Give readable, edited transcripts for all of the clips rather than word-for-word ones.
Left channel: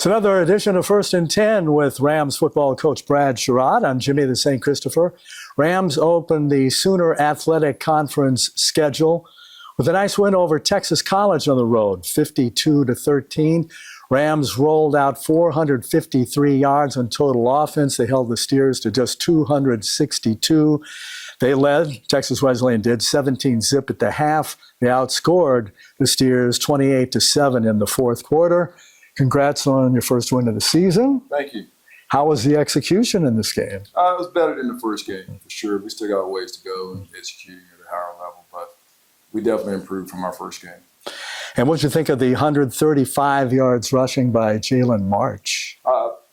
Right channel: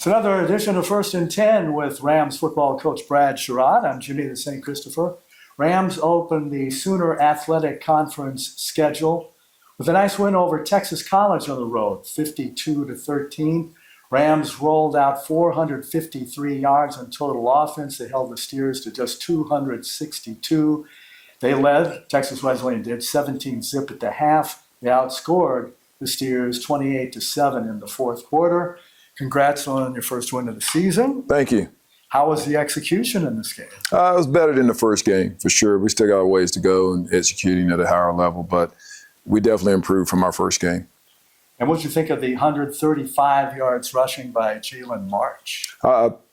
It's another edition of First and 10 with Rams football coach Brad Sherrod. I'm Jimmy the St. Christopher. Rams opened the Sooner Athletic Conference schedule with a nice win over Texas College on the road, 52-13. Rams rolled out 453 yards in total offense. They held the Steers to just 262. They led, Texas Wesleyan did, 17-zip at the half. They outscored the Steers 28-7 in the fourth quarter. Congrats on your first win of the season. Thank you. How was the execution in this game? It was better than the first game, for sure. We still got a ways to go in executing at a higher level, but we definitely improved from our first game. And what did you think of the 135 yards rushing by Jalen March?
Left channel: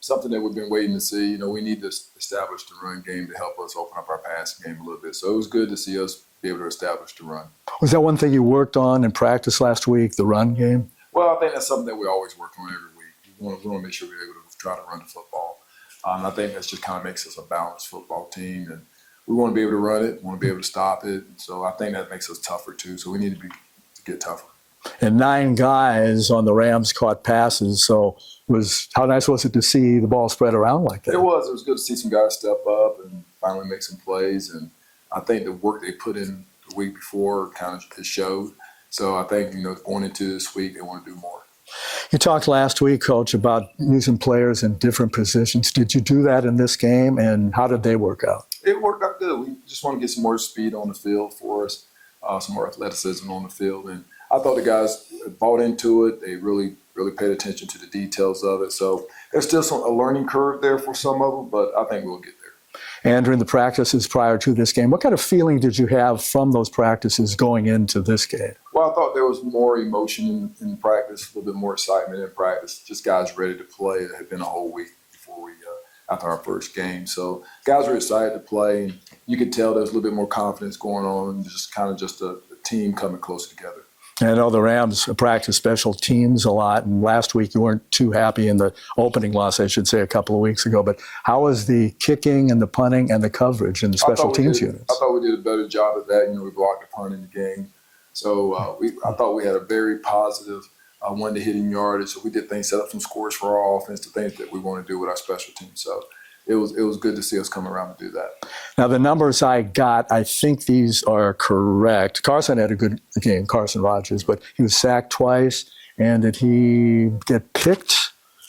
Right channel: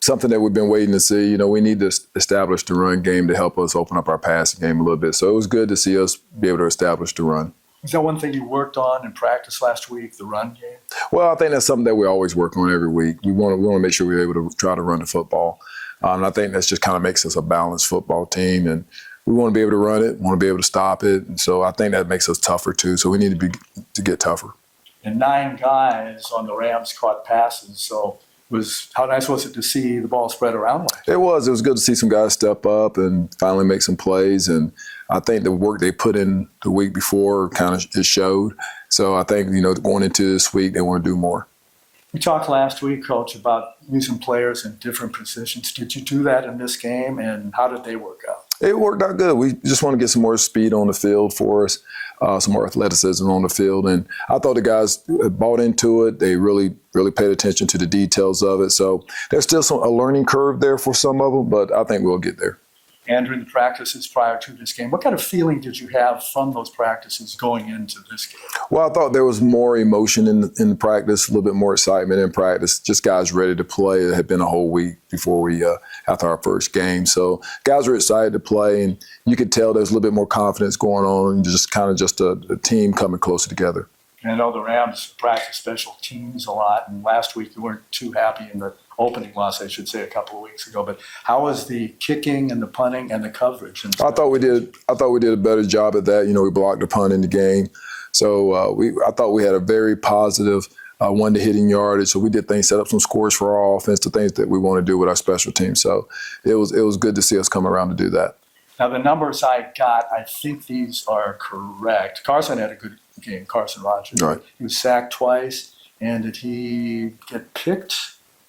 Something that we've been waiting to see. You know, we need to establish the run game to help us open up our passing game a little bit. So it was good to see us be able to establish the run. Was that one thing you worked on in practice last week, the run game? Well, I think that's something that we always work on every week. We want to make sure we're able to try to run the football. And I think that just kind of makes us a balanced football team. And we want to be able to run it, want to be able to stop it. And so I think that makes us tougher too. So we need to get tougher. And 9 guys on the Rams caught passes. So how nice was it to see the ball spread around like that? It was good to see some guys step up and finally make some plays. And I think the work they put in the week before kind of it showed. So I think, going into this week, they want to do more. You talked last week, Coach, about using players in different positions. Did you do that in this game, and how did they work out? It worked out good. We just want to get some more speed on the field for us, some more athleticism on the field. And I thought the guys bought into it. They really paid attention to the details of it. So there's still a learning curve there for some of them, but I think we'll get there. And during the practices prior to this game, what kind of feeling did you have from those practices going into this game? Well, I thought there was more emotion in the practice, a little bit more excitement in practice. Just guys ready to play. It had been a whole week before after our first game. So guys were excited to play, and you could tell there was a little bit more confidence going on, and just a team coming closer together. I know the Rams practice special teams a lot, and last week you weren't too happy in the opening loss, I should say, a couple of weeks ago. But how was the kicking and the punting and the coverage in the special teams units? I thought we did a better job at that. We blocked the punt in the game. So I thought we had a very positive one-to-hitting yardage. So we did things, set up some scores for our offense, the things that we want to do with our special teams. So it was good to see us come around to do that. Now, the numbers I got, I think these are correct. Carson had a good game, Carson Rogers, right. But he was sacked twice. And did he get picked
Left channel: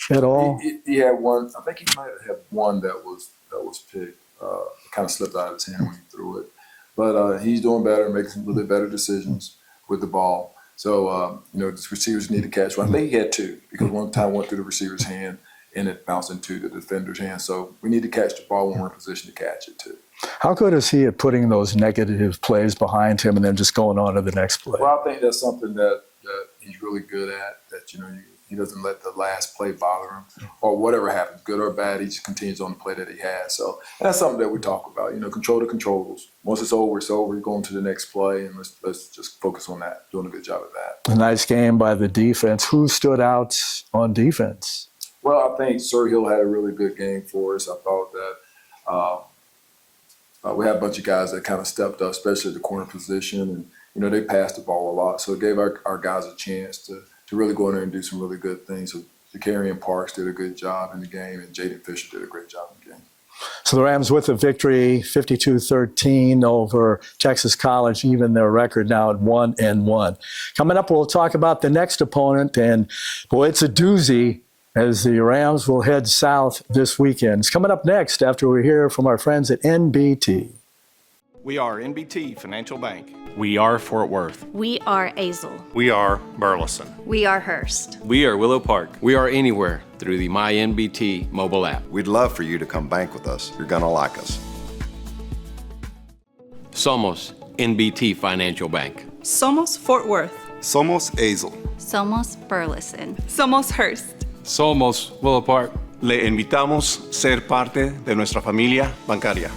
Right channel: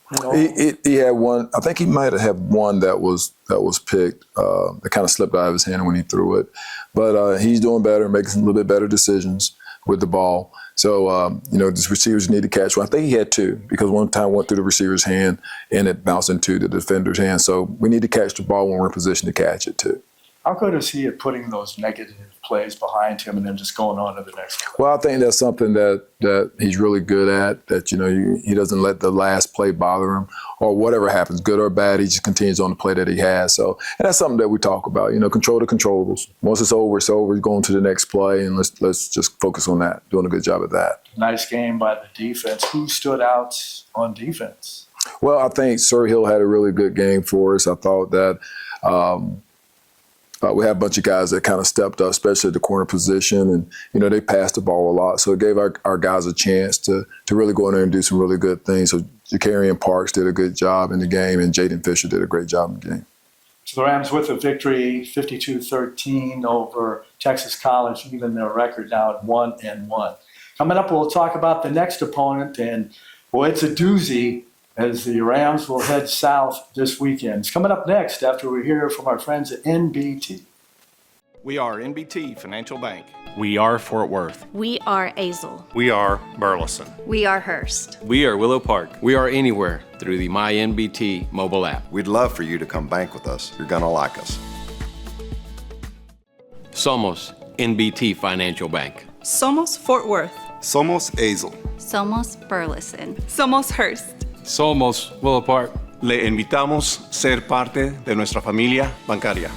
at all? He had one. I think he might have had one that was picked. That kind of slipped out of his hand when he threw it. But he's doing better, making some little bit better decisions with the ball. So, the receivers need to catch one. I think he had 2 because one time went through the receiver's hand and it bounced into the defender's hand. So we need to catch the ball when we're in position to catch it too. How good is he at putting those negative plays behind him and then just going on to the next play? Well, I think that's something that he's really good at, that, he doesn't let the last play bother him or whatever happens, good or bad, he just continues on the play that he has. So, and that's something that we talk about, control the controllables. Once it's over, going to the next play, and let's just focus on that, doing a good job at that. A nice game by the defense. Who stood out on defense? Well, I think Sir Hill had a really good game for us. I thought that we had a bunch of guys that kind of stepped up, especially at the corner position, and they passed the ball a lot. So it gave our guys a chance to really go in there and do some really good things. So Jakarian Parks did a good job in the game, and Jaden Fisher did a great job in the game. So the Rams with a victory, 52-13 over Texas College, even their record now at 1-1. Coming up, we'll talk about the next opponent, and boy, it's a doozy, as the Rams will head south this weekend. It's coming up next after we hear from our friends at NBT. We are NBT Financial Bank. We are Fort Worth. We are Azle. We are Burleson. We are Hearst. We are Willow Park. We are anywhere through the MyNBT mobile app. We'd love for you to come bank with us. You're going to like us. Somos NBT Financial Bank. Somos Fort Worth. Somos Azle. Somos Burleson. Somos Hearst. Somos Willow Park. Le invitamos ser parte de nuestra familia bancaria.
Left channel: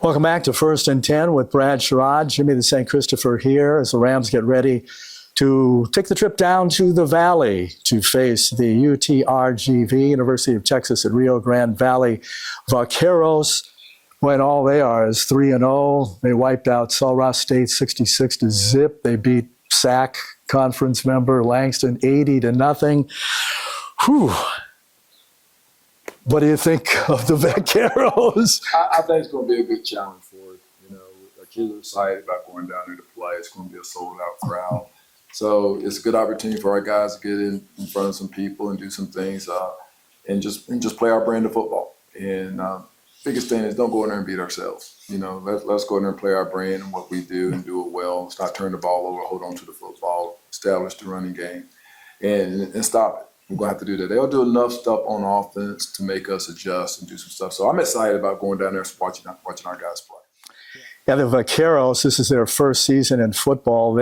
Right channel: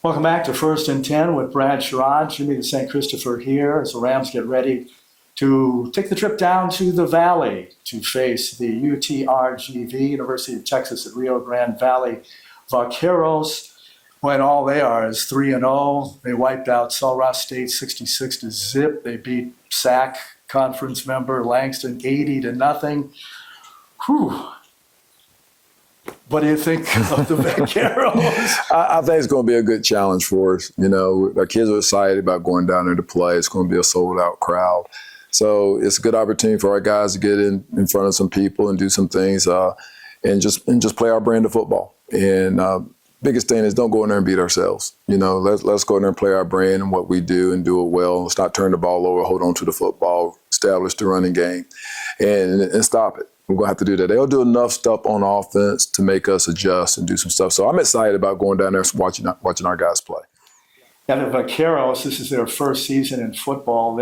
Welcome back to First and 10 with Brad Sherrod, Jimmy the St. Christopher here as the Rams get ready to take the trip down to the Valley to face the UTRGV, University of Texas at Rio Grande Valley Vaqueros, when all they are is 3-0. They wiped out Sul Ross State 66-0. They beat SAC conference member, Langston 80-0. Whew. What do you think of the Vaqueros? I think it's going to be a good challenge for us. You know, our kids are excited about going down there to play. It's going to be a sold-out crowd. So it's a good opportunity for our guys to get in front of some people and do some things and just play our brand of football. And biggest thing is don't go in there and beat ourselves. You know, let's go in there and play our brand and what we do and do it well. Let's not turn the ball over, hold on to the football, establish the running game, and stop it. We're going to have to do that. They'll do enough stuff on offense to make us adjust and do some stuff. So I'm excited about going down there and watching our guys play. Yeah, the Vaqueros, this is their first season in football.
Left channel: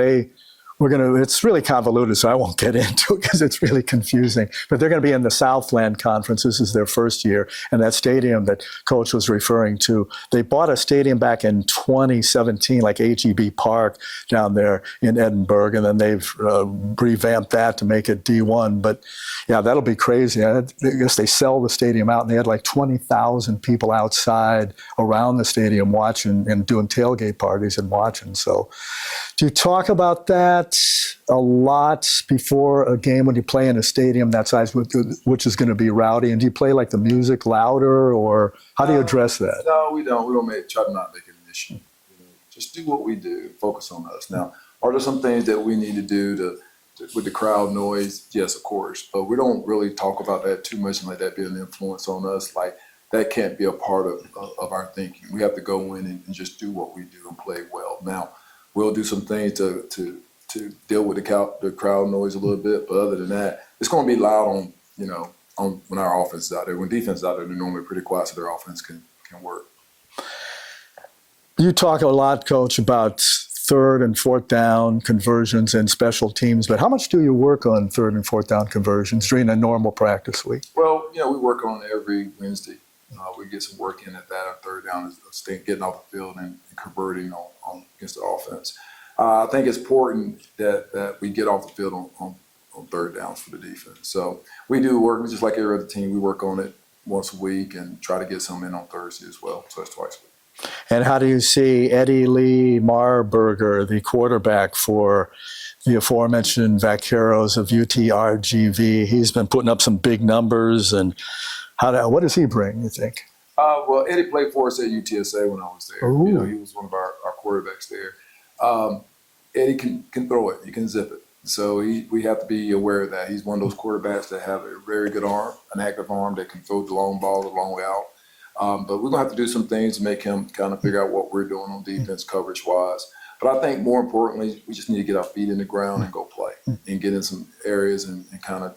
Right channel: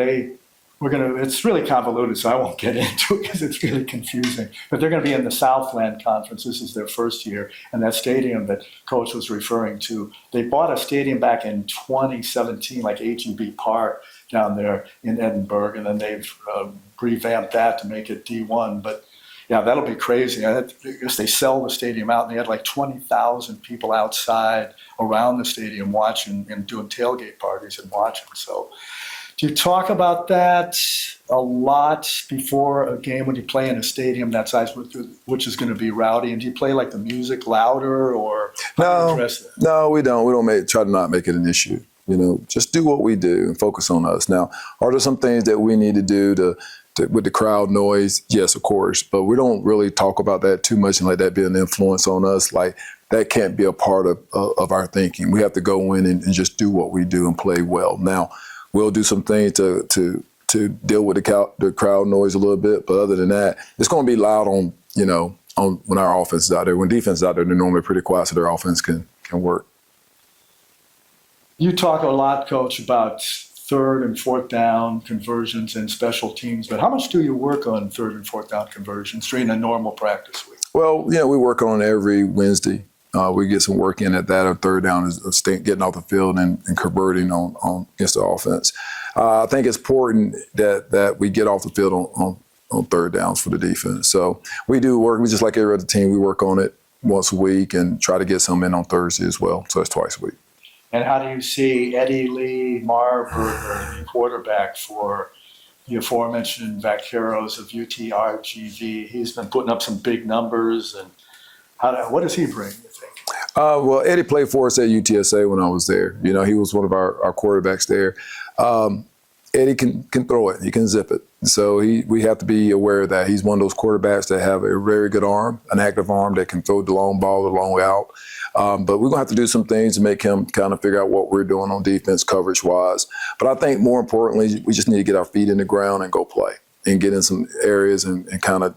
It's really convoluted, so I won't get into it because it's really confusing. But they're going to be in the Southland Conference. This is their first year. And that stadium that Coach was referring to, they bought a stadium back in 2017, like AGB Park down there in Edinburgh. And then they've revamped that to make it D1. But yeah, that'll be crazy. I guess they sell the stadium out, and they had like 20,000 people outside around the stadium watching and doing tailgate parties and watching. So do you talk about that a lot before a game when you play in a stadium that size, which is going to be rowdy? And do you play like the music louder, or how do you address that? No, we don't. We don't try to not make it an issue. You know, just do what we do and focus on us. Now, are there some things that we need to do with the crowd noise? Yes, of course. But we don't really talk about that too much and let that be an influence on us. Like, that can't be a part of our thinking. We have to go in and just do what we do and play well. Now, we'll do some things to deal with the crowd noise a little bit, but other than that, it's going to be loud on when our offense is out there. When defense is out there, they're normally pretty quiet, so their offense can work. You talk a lot, Coach, about third and fourth down conversions and special teams, but how much do you work on third and fourth down conversions during a normal practice week? Well, we work on it every Wednesday. We get some work in at that. Our third down is getting off the field and converting on against the offense. I think it's important that we get off the field on third downs for the defense. So we do work. We just like every other team. We work on it once a week and try to get some in on Thursday as well. So it's twice a week. And how do you see Eddie Lee Marburger, the quarterback for the aforementioned Vaqueros of UTRGV? He's been putting up some big numbers, and what does he bring, you think? Well, Eddie played for us at UTSA when I was there. Ooh. He was one of our quarterbacks there. Eddie can throw it. He can zip it. So we have to be aware of that. He's one of those quarterbacks that have a very good arm, an active arm that can throw the long ball the long way out. But we're going to have to do some things to make him kind of figure out what we're doing on defense coverage-wise. But I think more importantly, we just need to get our feet in the ground and go play and get in some areas and kind of,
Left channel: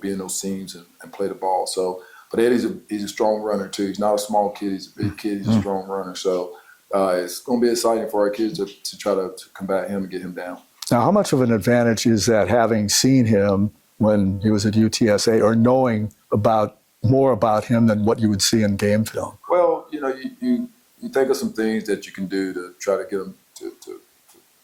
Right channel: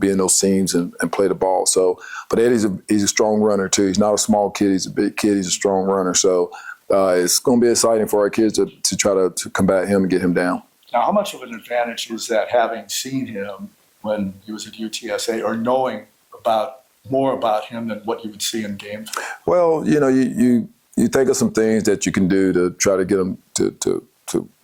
be in those seams and play the ball. So, but Eddie's he's a strong runner too. He's not a small kid. He's a big kid. He's a strong runner. So it's going to be exciting for our kids to try to combat him and get him down. Now, how much of an advantage is that, having seen him when he was at UTSA, or knowing more about him than what you would see in game film? Well, you think of some things that you can do to try to get him to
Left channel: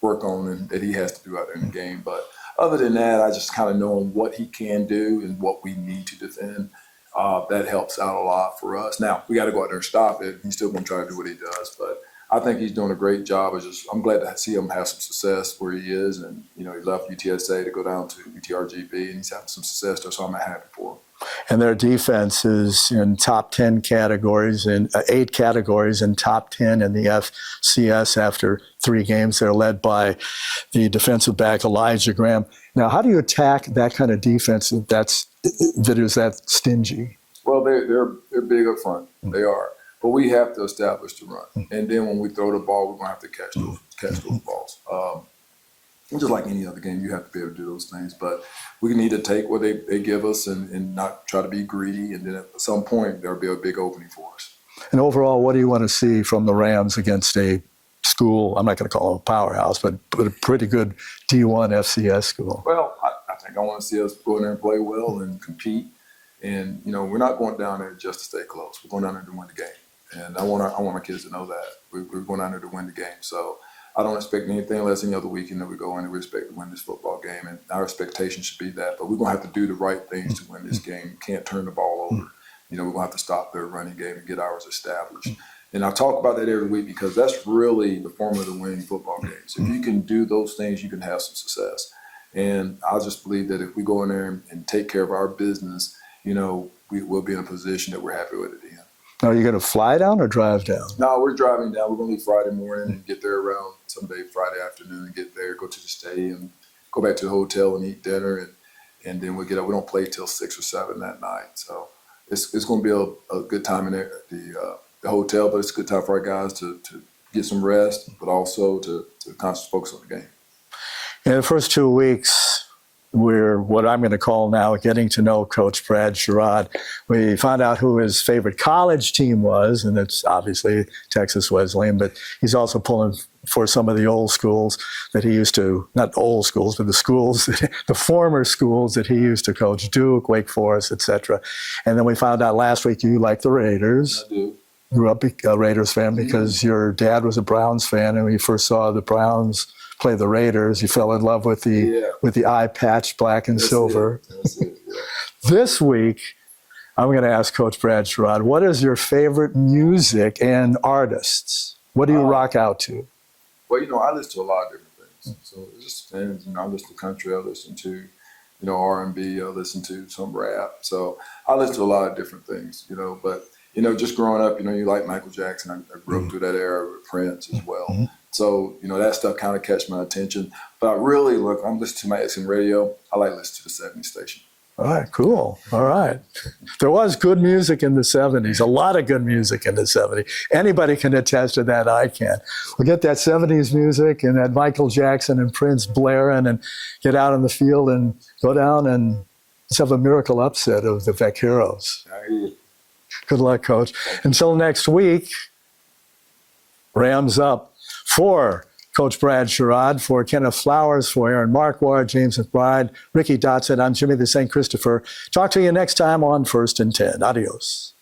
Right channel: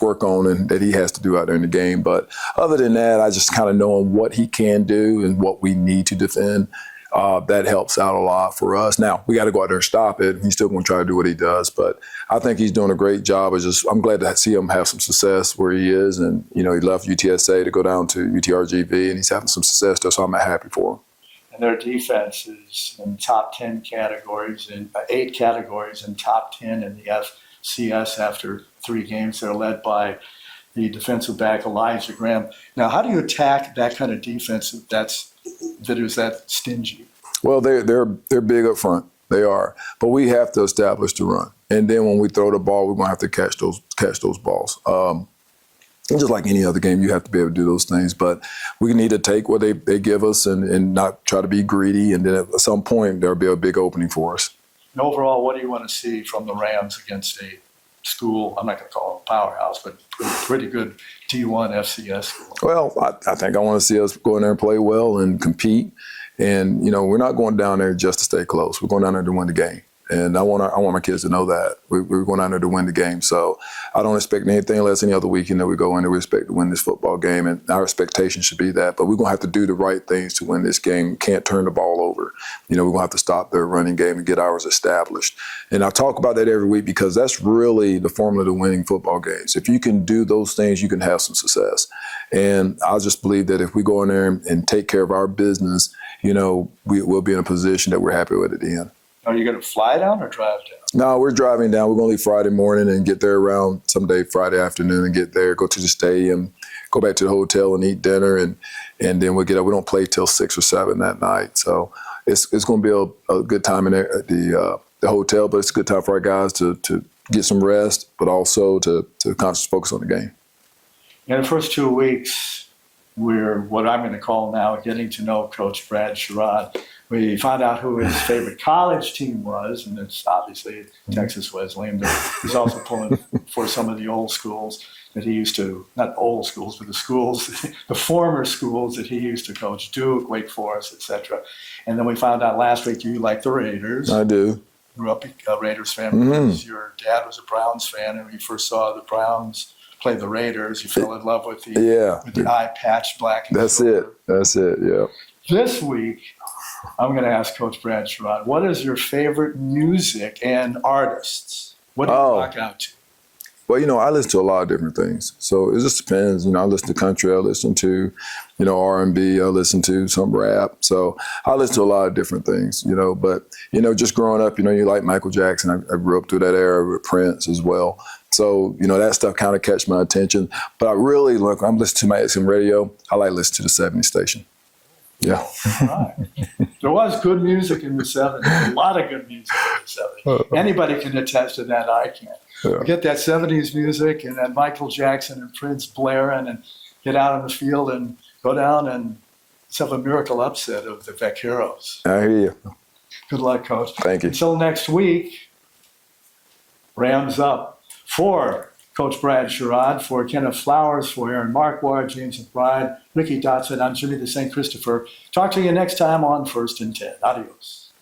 work on and that he has to do out there in the game. But other than that, I just kind of knowing what he can do and what we need to defend, that helps out a lot for us. Now, we got to go out there and stop it. He's still going to try to do what he does, but I think he's doing a great job. I'm glad to see him have some success where he is. And, he left UTSA to go down to UTRGV, and he's having some success there, so I'm happy for him. And their defense is in top 10 categories, in 8 categories, in top 10 in the FCS after 3 games. They're led by the defensive back, Elijah Graham. Now, how do you attack that kind of defense that is that stingy? Well, they're big up front. They are. But we have to establish the run. And then when we throw the ball, we're going to have to catch those balls. And just like any other game, you have to be able to do those things. But we need to take what they give us and not try to be greedy. And then at some point, there'll be a big opening for us. And overall, what do you want to see from the Rams against a school, I'm not going to call them a powerhouse, but a pretty good D1 FCS school? Well, I think I want to see us go in there and play well and compete. And, we're not going down there just to stay close. We're going down there to win the game. And I want my kids to know that. We're going out there to win the game. So I don't expect anything less any other weekend that we go in there. We expect to win this football game, and our expectation should be that. But we're going to have to do the right things to win this game. We can't turn the ball over. We're going to have to stop their running game and get ours established. And I talk about that every week because that's really the formula to winning football games. If you can do those things, you can have some success. And I just believe that if we go in there and take care of our business, we'll be in a position that we're happy with at the end. Now, are you going to fly down or drive down? No, we're driving down. We're going to leave Friday morning and get there around someday Friday afternoon and get there, go to the stadium, go back to the hotel and eat dinner, and then we'll get up. We don't play till 6 or 7 that night. So it's going to be a good time in at the hotel, but it's a good time for our guys to get some rest, but also to constantly focus on the game. In the first 2 weeks, we're what I'm going to call now getting to know Coach Brad Sherrod. We found out who his favorite college team was, and it's obviously Texas Wesleyan, but he's also pulling for some of the old schools that he used to, not old schools, but the schools, the former schools that he used to coach, Duke, Wake Forest, etc. And then we found out last week you like the Raiders. I do. Grew up a Raiders fan because your dad was a Browns fan, and when you first saw the Browns play the Raiders, you fell in love with the eye patch, black and silver. That's it, yeah. This week, I'm going to ask Coach Brad Sherrod, what is your favorite music and artists? What do you rock out to? Well, I listen to a lot of different things. So it just depends. I listen to country, I listen to, R&B, I listen to some rap. So I listen to a lot of different things, but, just growing up, you like Michael Jackson. I grew up through that era with Prince as well. So, that stuff kind of catch my attention. But I really, I'm listening to my XM radio. I like listening to the 70s station. All right, cool. Yeah. All right. There was good music in the 70s, a lot of good music in the 70s. Anybody can attest to that, I can. We'll get that 70s music and that Michael Jackson and Prince blaring and get out on the field and go down and let's have a miracle upset of the Vaqueros. I hear you. Good luck, Coach. Thank you. Until next week, Rams up. For Coach Brad Sherrod, for Kenneth Flowers, for Aaron Marquardt, James McBride, Ricky Dotson, I'm Jimmy the St. Christopher. Talk to you next time on First and 10. Adios.